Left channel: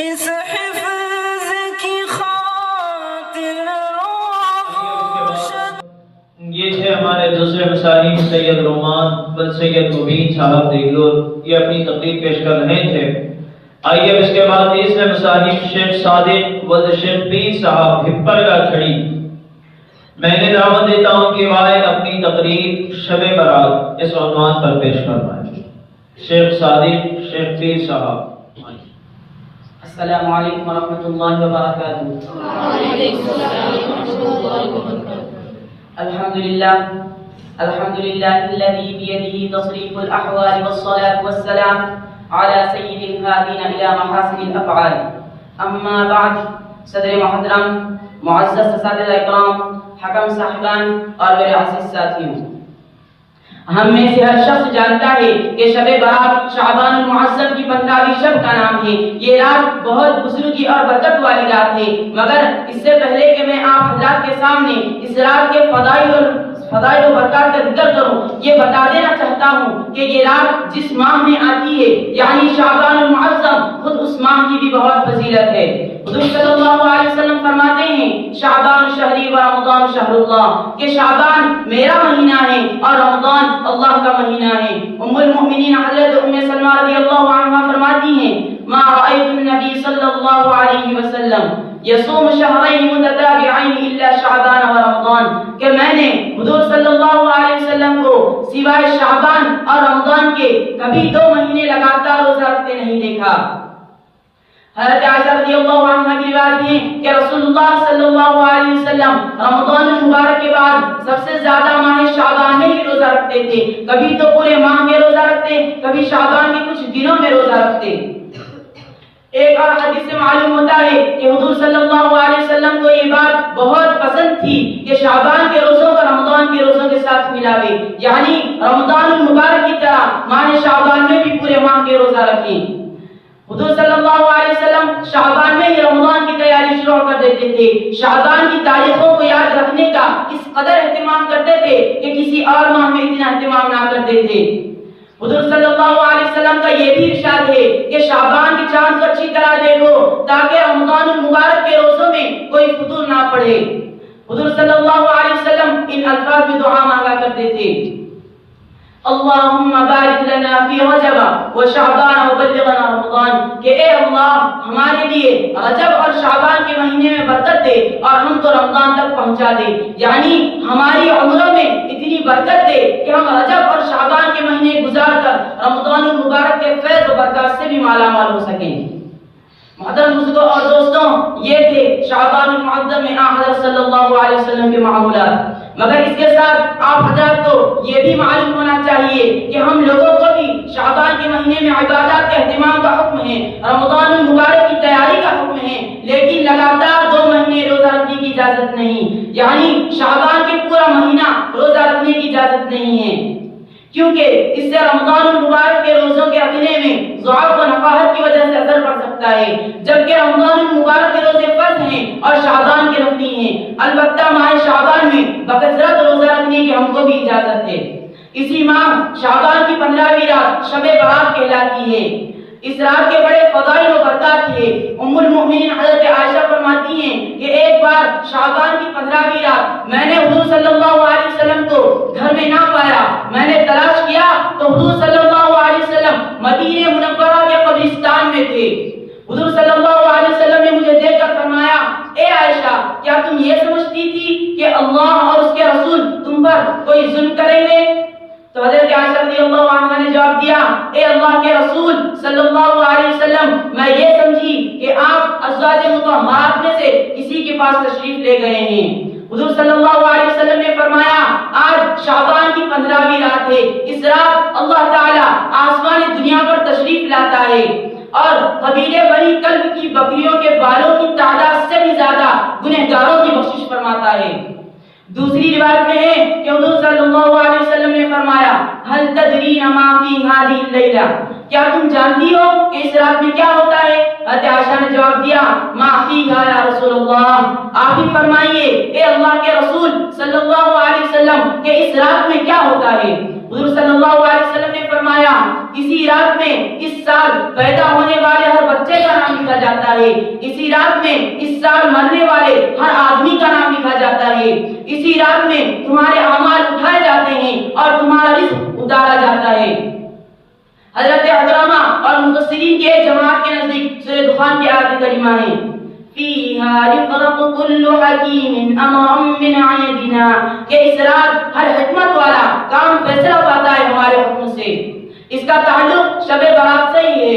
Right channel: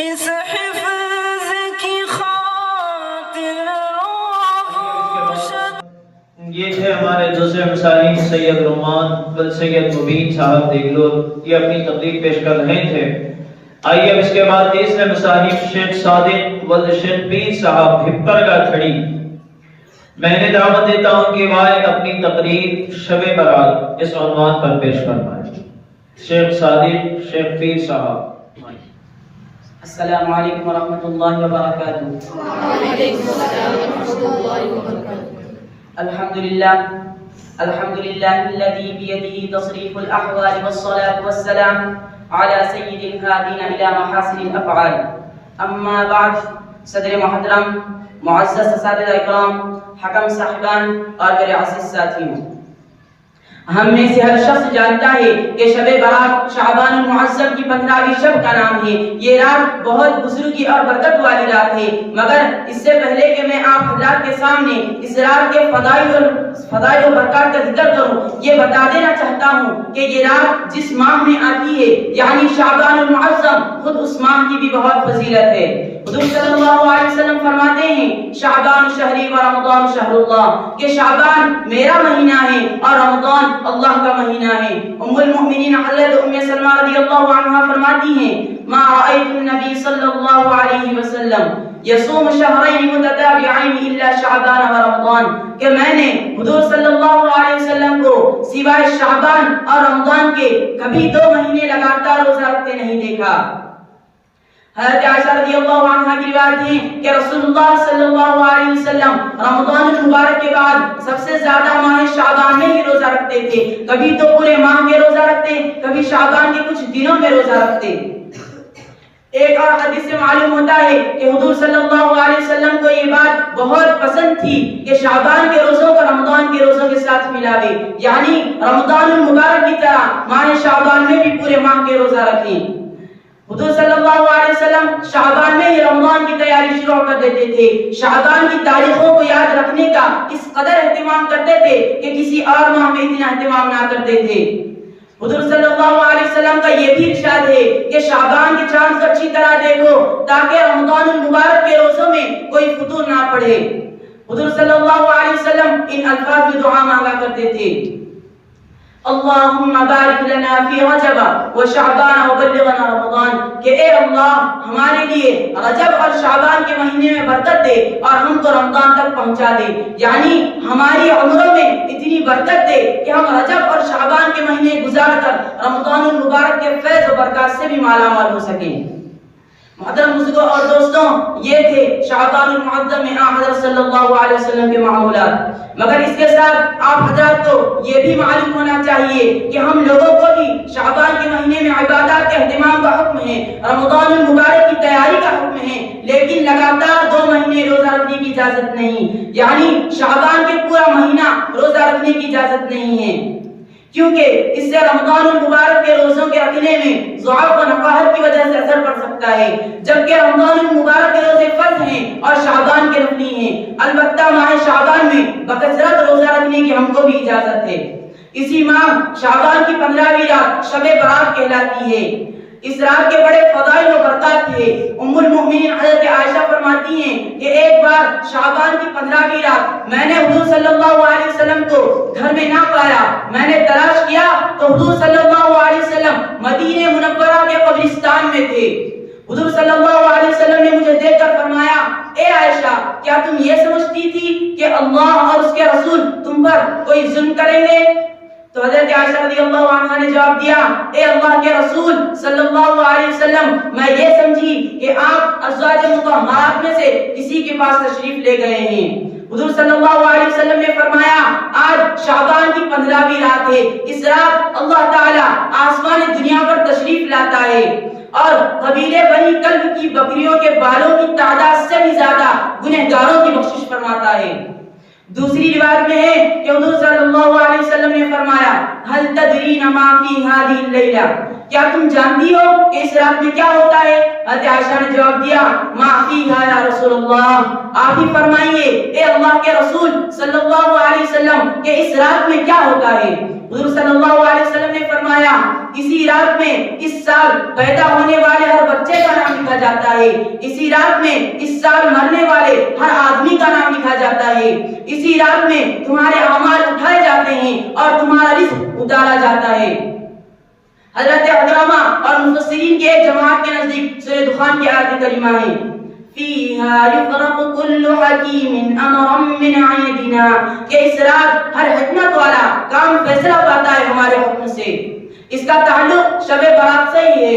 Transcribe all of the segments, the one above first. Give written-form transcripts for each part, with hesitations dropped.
اس حفظ کی خاطر یہ تھے ہمارے دوسرے مسائل سید رومان بن سید مبین صاحب دیگلور، یہ اپنی تقریر پیش کر رہے تھے۔ آئیے اس کے بعد تیسرے مصانف شیخ صادق ولد شیخ پیر صاحب ہپر کا کھڑی، میں نے دعوت دیتا ہوں کہ والد اپنی تقریر شب برات اس عنوان پر پیش فرمائیں۔ شیخ صادق شیخ پیر صاحب۔ السلام علیکم ورحمۃ اللہ وبرکاتہ۔ الحمد للہ الذی بیدہ تصریف الاحوال والصلاة والسلام على سید الہادین الی محاسن الافعال۔ اما بعد، صدر محترم، معزز اساتذہ اکرام، حکم صاحبان اور میرے عزیز ساتھیوں، ہم میں سے ہر شخص جانتا ہے کہ شب برات شعبان المعظم کی 15ویں شب کا نام ہے۔ یہ رات بہت بزرگی اور برکت والی رات ہے، مگر اس سے پہلے کہ میں آپ حضرات کے سامنے اس رات کے فضائل و برکات کا ذکر کروں، یہ بتا دینا چاہتا ہوں کہ یہ رات جس ماہ میں آتی ہے یعنی شعبان المعظم، خود اس ماہ کی بھی بہت فضیلت ہے۔ حضور صلی اللہ علیہ وسلم فرماتے ہیں شعبان شہری و رمضان شہر اللہ، کہ شعبان میرا مہینہ ہے اور رمضان اللہ کا مہینہ ہے۔ ام المؤمنین حضرت ام سلمہ رضی اللہ عنہا فرماتی ہیں ما رأیت النبی صلی اللہ علیہ وسلم یصوم شہرین متتابعین الا شعبان و رمضان، کہ میں نے حضور صلی اللہ علیہ وسلم کو سوائے شعبان اور رمضان کے کبھی 2 مہینے لگاتار روزہ رکھتے نہیں دیکھا۔ حضرت عائشہ رضی اللہ عنہا کی روایت ہے کہ رسول اللہ صلی اللہ علیہ وسلم رمضان المبارک کے بعد سب سے زیادہ ماہ شعبان میں ہی روزہ رکھتے تھے، کبھی تو پورے ماہ میں روزہ رکھتے، کبھی شعبان کے کچھ دنوں میں روزہ رکھتے۔ ایک اور حدیث سے معلوم ہوتا ہے کہ حضور صلی اللہ علیہ وسلم کو یہ بات بہت پسند تھی کہ شعبان کے روزوں کو رمضان کے روزوں کے ساتھ ملاوے، یعنی رمضان المبارک کی طرح ماہ شعبان میں بھی پورے ماہ کے روزہ رکھیں۔ حضور صلی اللہ علیہ وسلم شعبان میں ہی رمضان کی تیاری شروع کر دیتے تھے، شعبان کی تاریخوں کو یاد رکھنے کا اس قدر اہتمام کرتے تھے کہ کسی اور ماہ میں اتنا اہتمام نہ کرتے تھے۔ حضور صلی اللہ علیہ وسلم کا یہ بھی ارشاد ہے کہ شعبان کے چاند کو اچھی طرح دیکھو تاکہ رمضان المبارک کے روزوں میں کوئی فطور نہ پڑے۔ حضور صلی اللہ علیہ وسلم ان الفاظ میں دعا مانگا کرتے تھے اللہم بارک لنا فی رجب و شعبان و بلغنا رمضان، کہ اے اللہ ہمارے لیے رجب اور شعبان کے مہینے میں برکت دے اور ہم کو رمضان تک پہنچا دے، یعنی ہماری عمروں میں اتنی برکت دے کہ ہم رجب اور شعبان کے مہینے گزار کر رمضان المبارک کے فیض و برکات سے بھی مالا مال ہو سکیں۔ محترم بزرگوں اور دوستوں، یہ تھے شعبان المعظم میں حضرت صلی اللہ علیہ وسلم کے معمولات، مگر اس کے ساتھ آپ حضرات کو یہ بھی معلوم ہونا چاہیے کہ ہم لوگوں کو بھی شعبان کے مہینے میں عبادات کے اہتمام کا حکم ہے، رمضان المبارک کی تیاری کا حکم ہے، لیکن لگاتار 2 مہینے روزہ رکھنے کی اجازت نہیں، یعنی شعبان کے پورا مہینہ روزہ رکھنے کی اجازت نہیں ہے، کیونکہ اس سے رمضان المبارک کے روزوں کے رکھنے میں ضعف و نقاہت کی وجہ سے اثر پڑ سکتا ہے، جبکہ رمضان المبارک کے روزے فرض ہیں اور شعبان کے نفلی ہیں۔ البتہ ماہ شعبان میں بکثرت روزہ رکھنے کی ہم کو بھی اجازت ہے۔ اسی ماہ شعبان کی 15ویں رات شب برات کہلاتی ہے۔ اس رات کے بڑے فضائل و برکات ہیں۔ ام المؤمنین حضرت عائشہ فرماتی ہیں کہ ایک بار شعبان کی 15ویں رات میں نے حضور صلی اللہ علیہ وسلم کو گھر میں نہ پایا، میں نے تلاش کیا تو حضور صلی اللہ علیہ وسلم مدینہ منورہ کے قبرستان میں تھے۔ حضور صلی اللہ علیہ وسلم نے مجھے دیکھ کر فرمایا اے عائشہ، کیا تم یہ سمجھتی تھی کہ اللہ اور اس کے رسول تم پر کوئی ظلم کریں گے؟ تو حضرت عائشہ رضی اللہ عنہا نے جواب دیا اے اللہ کے رسول صلی اللہ علیہ وسلم، میں یہ سمجھی کہ آپ ازواج مطہرات میں سے کسی کے پاس تشریف لے گئے ہیں۔ حضور صلی اللہ علیہ وسلم نے فرمایا آج شعبان کی 15ویں رات ہے، اس رات اللہ تعالی آسمان دنیا پر تشریف لاتا ہے اور قبیلے بنی کلب کی بکریوں کے بالوں کی تعداد سے بھی زیادہ گنہگاروں کی بخشش فرماتا ہے۔ دوسری روایت میں ہے کہ حضور صلی اللہ علیہ وسلم نے فرمایا هل تدرین ما فی هذه اللیلہ، کیا تم جانتی ہو کہ اس رات میں کیا ہوتا ہے؟ حضرت عائشہ نے جواب دیا ما فیہا یا رسول اللہ، آپ ہی فرمائیے اے اللہ کے رسول صلی اللہ علیہ وسلم کہ اس رات میں کیا ہوتا ہے؟ حضور صلی اللہ علیہ وسلم نے فرمایا اسی رات میں اس سال پیدا ہونے والے ہر بچے کا نام لکھا جاتا ہے، اسی رات میں اس سال مرنے والے ہر آدمی کا نام لکھا جاتا ہے، اسی رات میں تمہارے اعمال اٹھائے جاتے ہیں اور تمہارا رزق اتارا جاتا ہے۔ حضرت علامہ اور مفسرین کے جماعت کے نزدیک سورہ دخان کی آیت کریمہ ہے فیہا یفرق کل حکیم امرا من عندنا، کہ اس رات ہر حکمت والا کام فیصلہ پاتا ہے ہمارے حکم سے۔ اس کا تعلق شب برات سے ہی ہے۔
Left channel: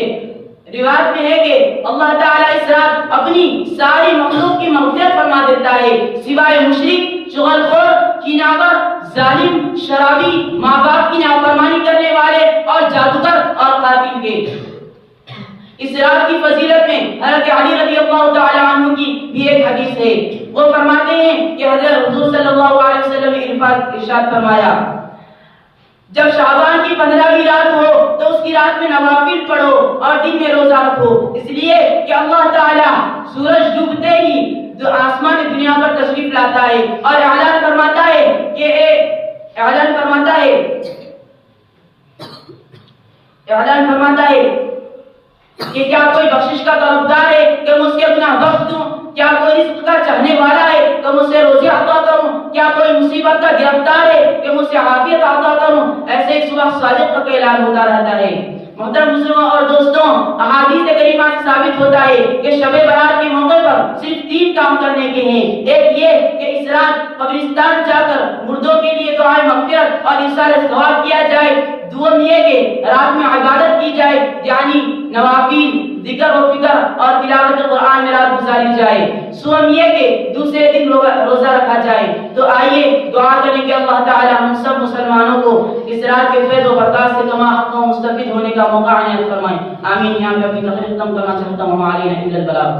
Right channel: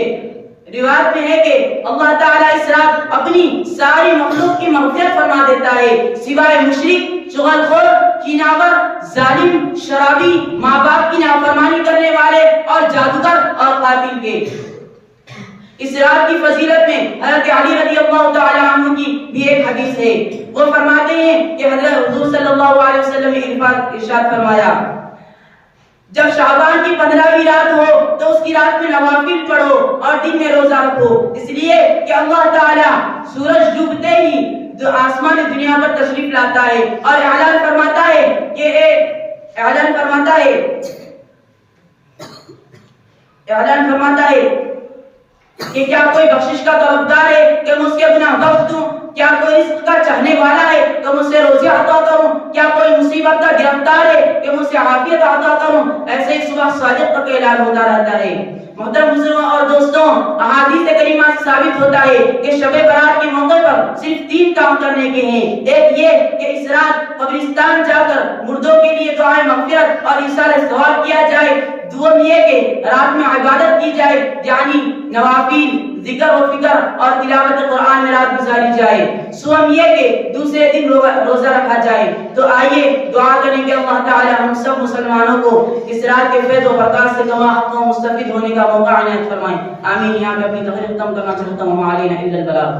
روایت میں ہے کہ اللہ تعالیٰ اس رات اپنی ساری مخلوق کی مغفرت فرما دیتا ہے سوائے مشرک، چغل خور، کیناور، ظالم، شرابی، ماں باپ کی نافرمانی کرنے والے اور جادوگر اور قاتل کے۔ اس رات کی فضیلت میں حضرت علی رضی اللہ تعالی عنہ کی بھی ایک حدیث ہے۔ وہ فرماتے ہیں کہ حضرت حضور صلی اللہ علیہ وسلم نے ارشاد فرمایا جب شعبان کی 15ویں رات ہو تو اس کی رات میں نوافل پڑھو اور دن میں روزہ رکھو، اس لیے کہ اللہ تعالی سورج ڈوبتے ہی آسمان دنیا پر تشریف لاتا ہے اور اعلان فرماتا ہے کہ کیا کوئی بخشش کا طلبگار ہے کہ میں اس کے گناہ بخش دوں، کیا کوئی رزق کا چاہنے والا ہے کہ میں اسے روزی عطا کروں، کیا کوئی مصیبت کا گرفتار ہے کہ میں اسے عافیت عطا کروں۔ ایسے ہی صبح صادق کا اعلان ہوتا رہتا ہے۔ محترم مسلموں اور دوستوں، احادیث کریمہ سے ثابت ہوتا ہے کہ شب برات کے موقع پر صرف 3 کام کرنے کے ہیں۔ ایک یہ کہ اس رات قبرستان جا کر مردوں کے لیے دعائے مغفرت اور ایصال ثواب کیا جائے۔ دوم یہ کہ رات میں عبادت کی جائے، یعنی نوافل، ذکر و فکر اور تلاوت قرآن میں رات گزاری جائے۔ سوم یہ کہ دوسرے دن روزہ رکھا جائے۔ تو آئیے دعا کریں کہ اللہ تعالی ہم سب مسلمانوں کو اس رات کے فیض و برکات سے کما حق و مستفید ہونے کا موقع عنایت فرمائیں۔ آمین۔ یہاں پہ اپنی تقریر ختم کرنا چاہتا ہوں۔ علینا الا البلاغ۔